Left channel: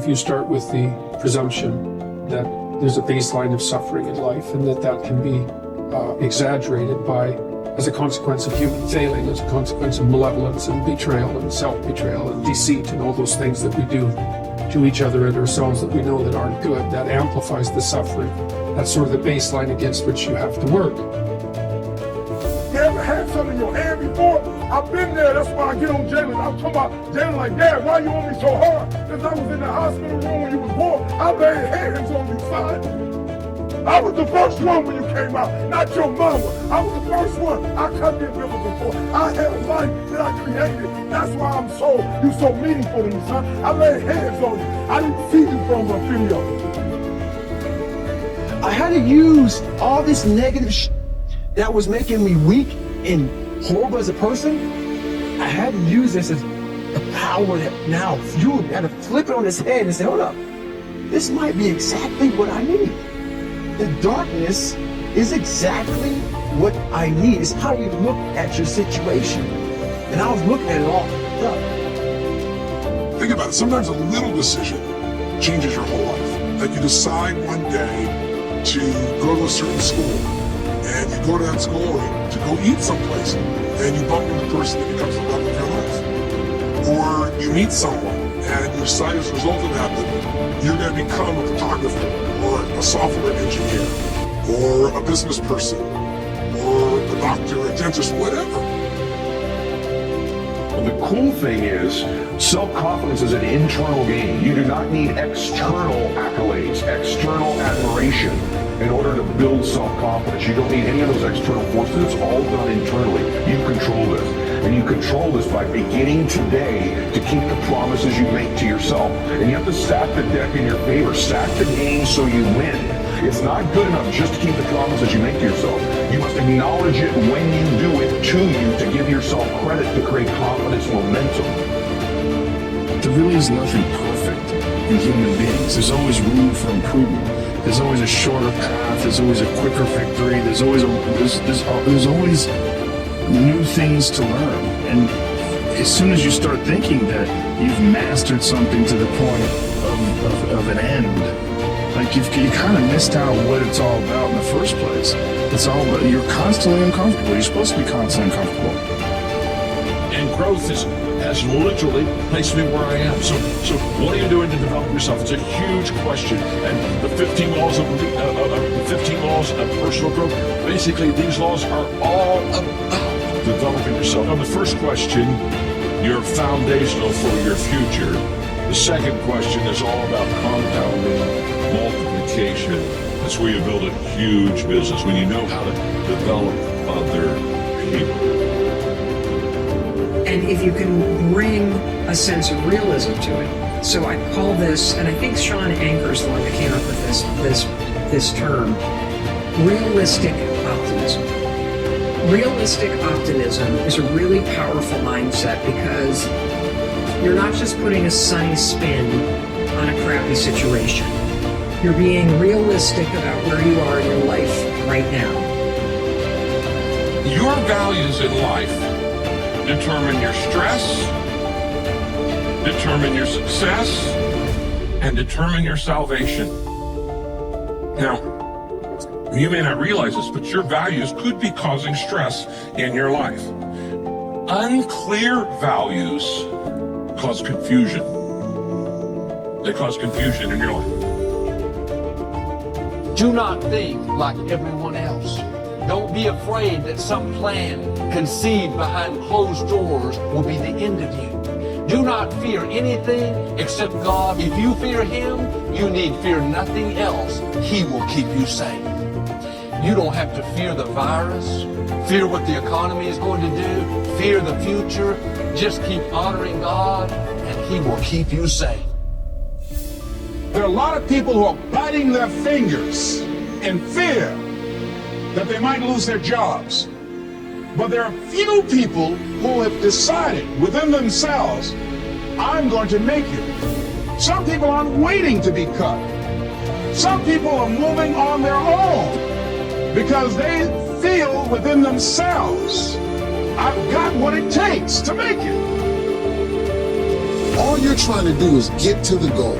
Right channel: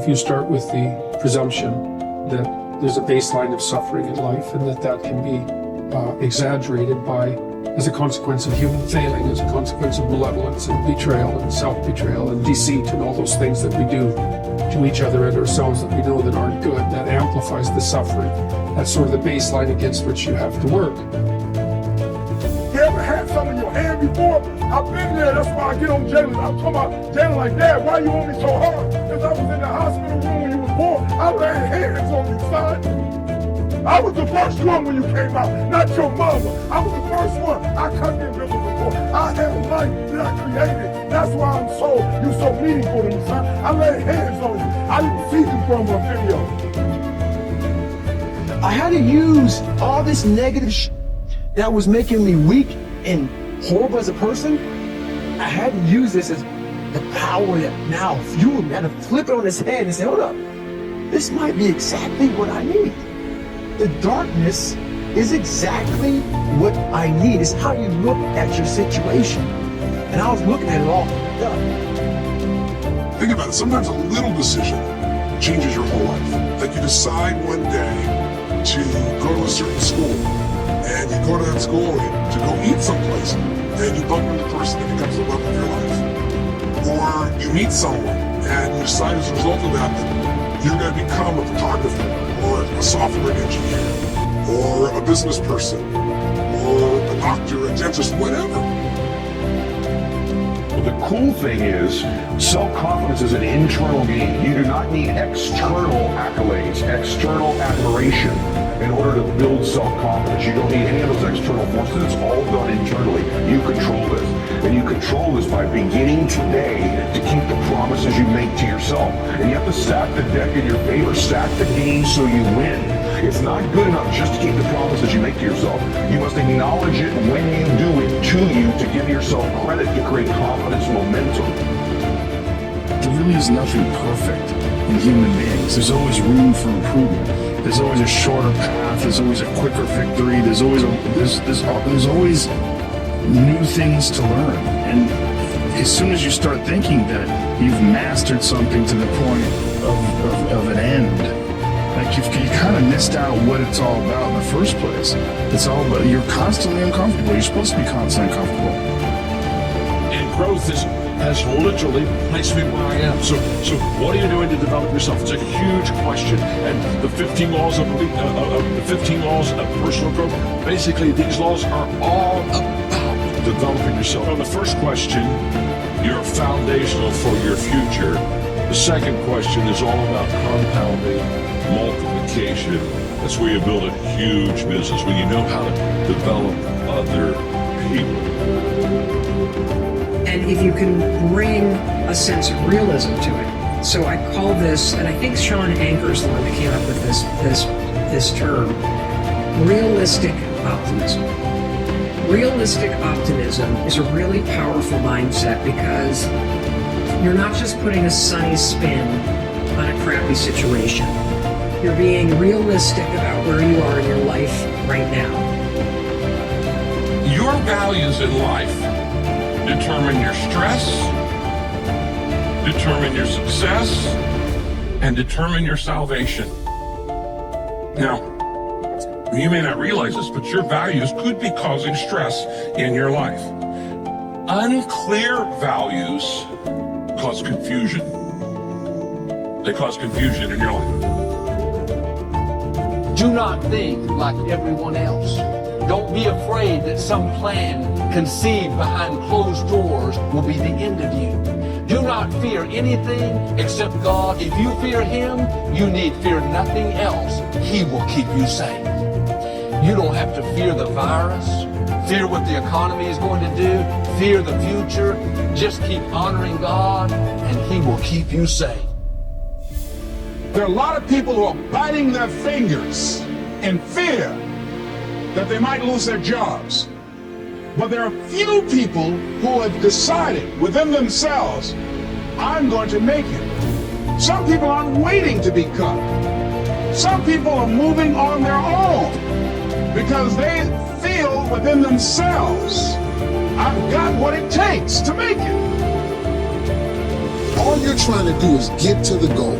if you start with the presumption that there's a baseline of suffering in life and that can be exaggerated as a consequence of human failing, as a consequence of malevolence and betrayal and self-betrayal and deceit and all those things that we do to each other and ourselves that we know that aren't good, that amplifies the suffering. That's sort of the baseline against which you have to work. You ever had something in your hand before? I've been there. That's why I get on jailers. I'm talking about jailers like, Dad, why you want me so hard? Because I was in the hospital room when you was born. I laid hands on you, son. I was the first one when you came out, not your mama. I was the first one. I cut the umbilical cord. I had a life that I created. That's why you're so meaningful to me, son. I laid hands on you. I didn't see you from my video. I had to use all this negative that was making me weak and horrible as a person. I had to use this as the power that now fueled me. I had to flip it on its head and say, hold up, this might be exactly what I need. The darkness is exactly what I need. It's how you look at your situation. And I was looking at it all. Think about it. Sometimes a little decision changes your whole life. Like you decide one day to go to a certain school, and you go to that school to go eat someplace, and you bump into the person that becomes the love of your life. Or you meet someone, and you decide as a result of that you're going to become a photographer, or a software engineer, or a business person, or a doctor, a dentist, whatever. The cool thing is, self-confidence is an internal game. You do not need external accolades, external admiration in order to build self-confidence. You don't need any of those external forces. It's all done internally. You control this. And you control this by beginning today to keep the promises you make to yourself. And you have to stack the deck in your favor. Stack the game so you win. It's not good enough just to keep the promises you make to yourself. You must acknowledge it when you do it to you to give yourself credit to create confidence momentum. There really is nothing perfect in human beings. There's always room for improvement. There's always a shorter path. There's always a quicker victory. There's always new things to learn. And as soon as you start thinking that you've mastered something to the point of an end, like you kind of missed out on what it's all about in the first place. It's all about, you're constantly uncomfortable. You're supposed to be constantly uncomfortable. And growth has literally placed me where I am. So what are you doing to develop yourself? It's a huge question. And the 15 laws of personal growth, basically these laws are all about developing yourself. On the first question, you're foundational for your future. The second question is all about compounding, multiplication. That's where you build a huge business, when you know how to develop other people. And if you can bring a sense of realism to it. So I call this, and I think Sean Anker's the one that came up with this term, realistic optimism. Realistic optimism is a really powerful mindset because you're not just putting a sunny spin on a crappy situation. You're being realistic about where you are in your life right now. Your values in life determine your stress, determine your success, and determine your salvation. Now, you may not realize this, but your values could be causing stress in your life. Unclear values cause confusion. They cause confusion in your life. Do not think like everyone else. Don't be afraid that some plan conceived behind closed doors will be the end of you. Do not fear anything except God. If you fear Him, you need fear nothing else. He will keep you safe. You don't have to fear the virus, fear what the economy is going to do, fear the future. Just keep honoring God and He will keep you safe. There are a lot of people who are biting their fingers in fear that they might lose their jobs. But there are few people who have decided within themselves, I'm going to make it. Some people aren't waiting to be cut. Some people are moving on their own because they feel within themselves, I've got what it takes to make it. All you're trying to do is get to the goal.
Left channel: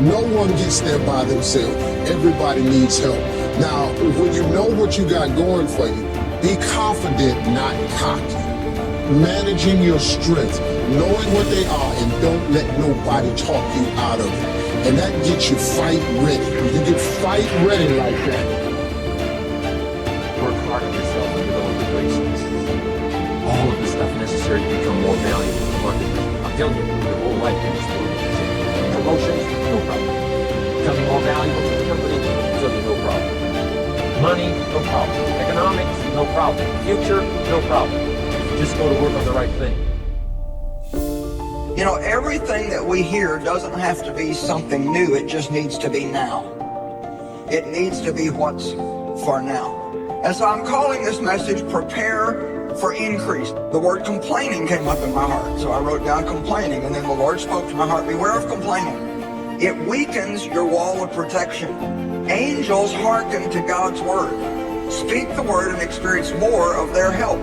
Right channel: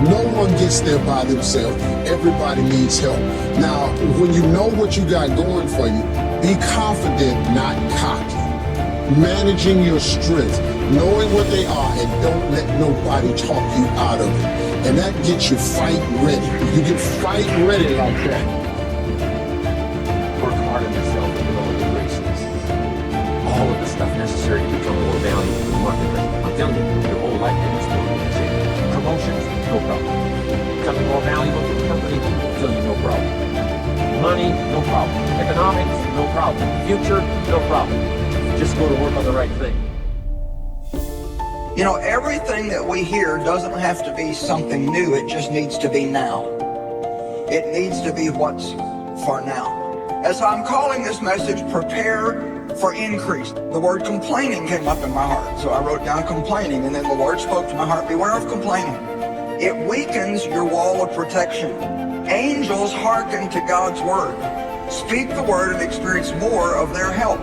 No one gets there by themselves. Everybody needs help. Now, when you know what you got going for you, be confident, not cocky. Managing your strength, knowing what they are, and don't let nobody talk you out of it. And that gets you fight ready. You get fight ready like that. Work hard on yourself and develop the races. All of the stuff necessary to become more valuable in the market. I'm telling you, your whole life in this world. Promotions, no problem. Becoming more valuable to the company, absolutely no problem. Money, no problem. Economics, no problem. Future, no problem. Just go to work on the right thing. You know, everything that we hear doesn't have to be something new. It just needs to be now. It needs to be what's for now. And so I'm calling this message, Prepare for Increase. The word complaining came up in my heart. So I wrote down complaining, and then the Lord spoke to my heart, beware of complaining. It weakens your wall of protection. Angels hearken to God's word. Speak the word and experience more of their help.